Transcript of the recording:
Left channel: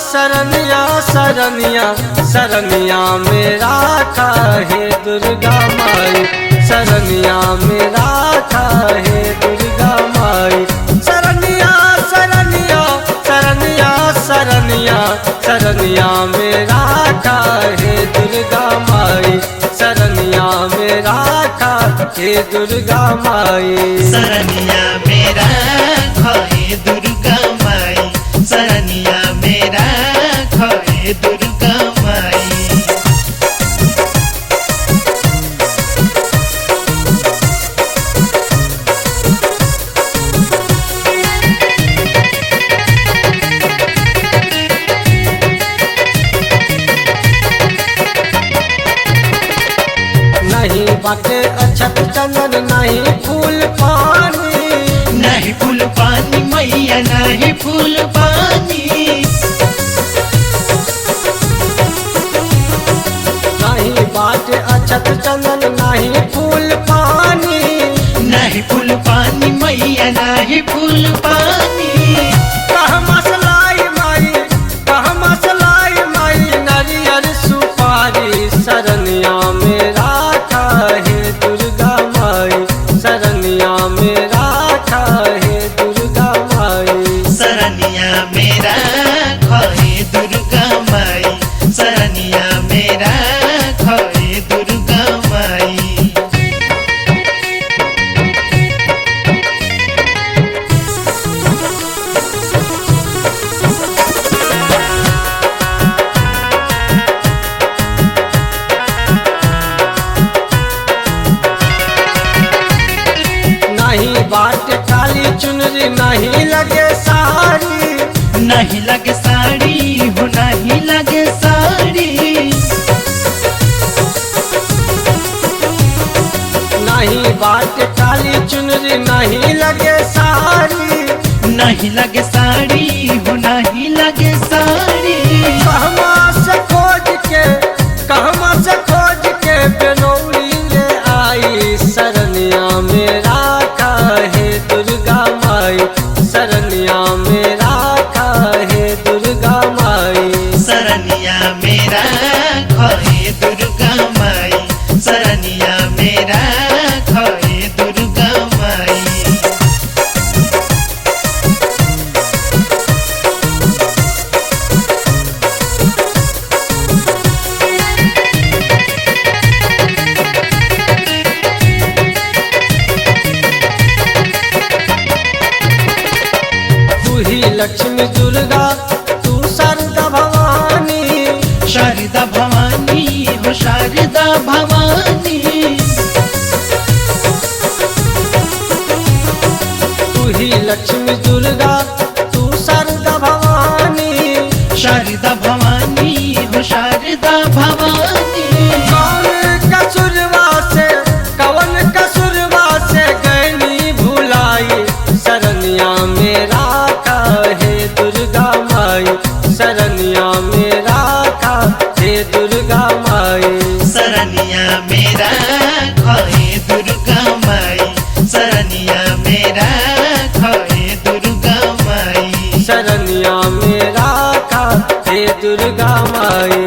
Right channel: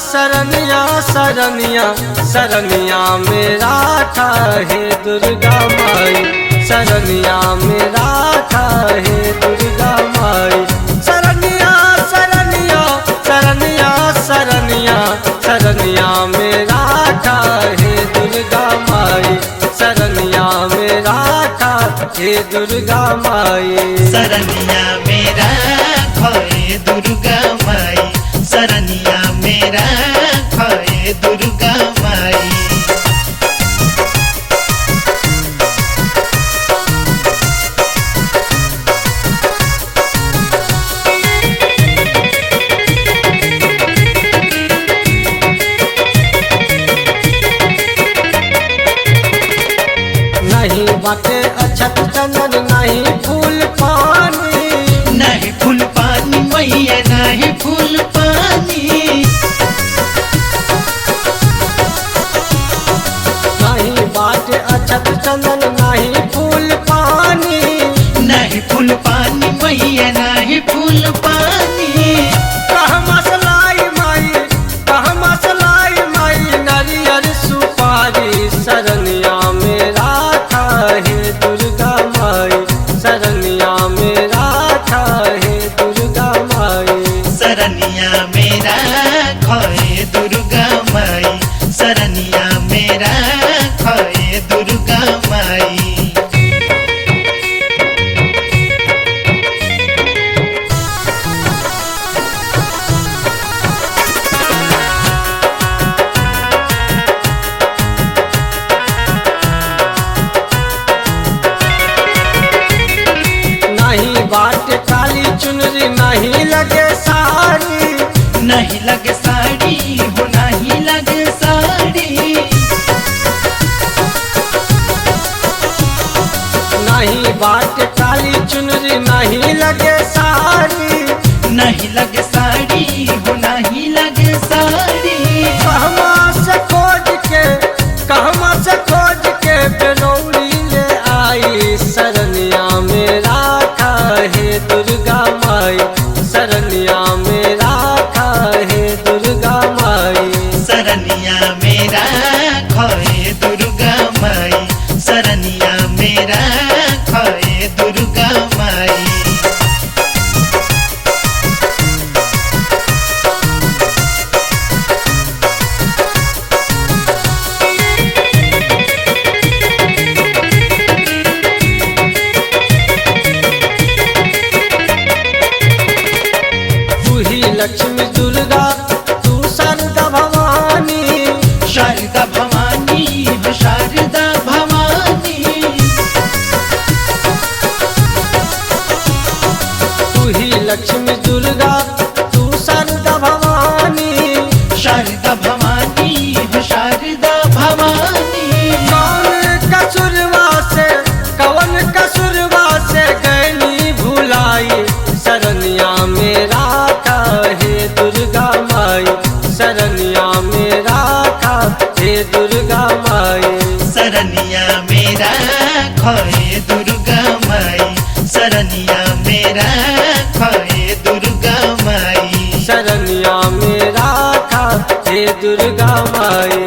शरणिया शरणिया शरणिया मेरा हे दुर्गा माई, शरणिया मेरा हे दुर्गा माई। शरणिया शरणिया शरणिया शरणिया शरणिया मेरा हे दुर्गा माई, शरणिया मेरा हे दुर्गा माई। शरणिया मेरा हे दुर्गा माई, शरणिया मेरा हे दुर्गा माई। नहीं बाटे अक्षत चंदन नहीं फूल पानी, नहीं फूल पानी मैया नहीं फूल पानी। नहीं बाटे अक्षत चंदन नहीं फूल पानी, नहीं फूल पानी मैया नहीं फूल पानी। कह मसलाई माई कह मसलाई माई नारियल सुपारी, शरणिया मेरा हे दुर्गा माई, शरणिया मेरा हे दुर्गा माई। शरणिया मेरा हे दुर्गा माई, शरणिया मेरा हे दुर्गा माई। नहीं बाटे काली चुनरी नहीं लगे साड़ी, नहीं लगे साड़ी हो नहीं लगे साड़ी। नहीं बाटे काली चुनरी नहीं लगे साड़ी, नहीं लगे साड़ी हो नहीं लगे साड़ी। कहमा से खोज के बेलौरी ले आई, शरणिया मेरा हे दुर्गा माई, शरणिया मेरा हे दुर्गा माई। शरणिया मेरा हे दुर्गा माई, शरणिया मेरा हे दुर्गा माई। तू ही लक्ष्मी दुर्गा तू शारदा भवानी, शारदा भवानी हो शारदा भवानी। तू ही लक्ष्मी दुर्गा तू शारदा भवानी, शारदा भवानी हो शारदा भवानी। कौन कसूरवा से गैनी भुलाई, शरणिया मेरा हे दुर्गा माई, शरणिया मेरा हे दुर्गा माई। शरणिया मेरा हे दुर्गा माई, शरणिया मेरा हे दुर्गा माई। शरणिया मेरा हे दुर्गा माई।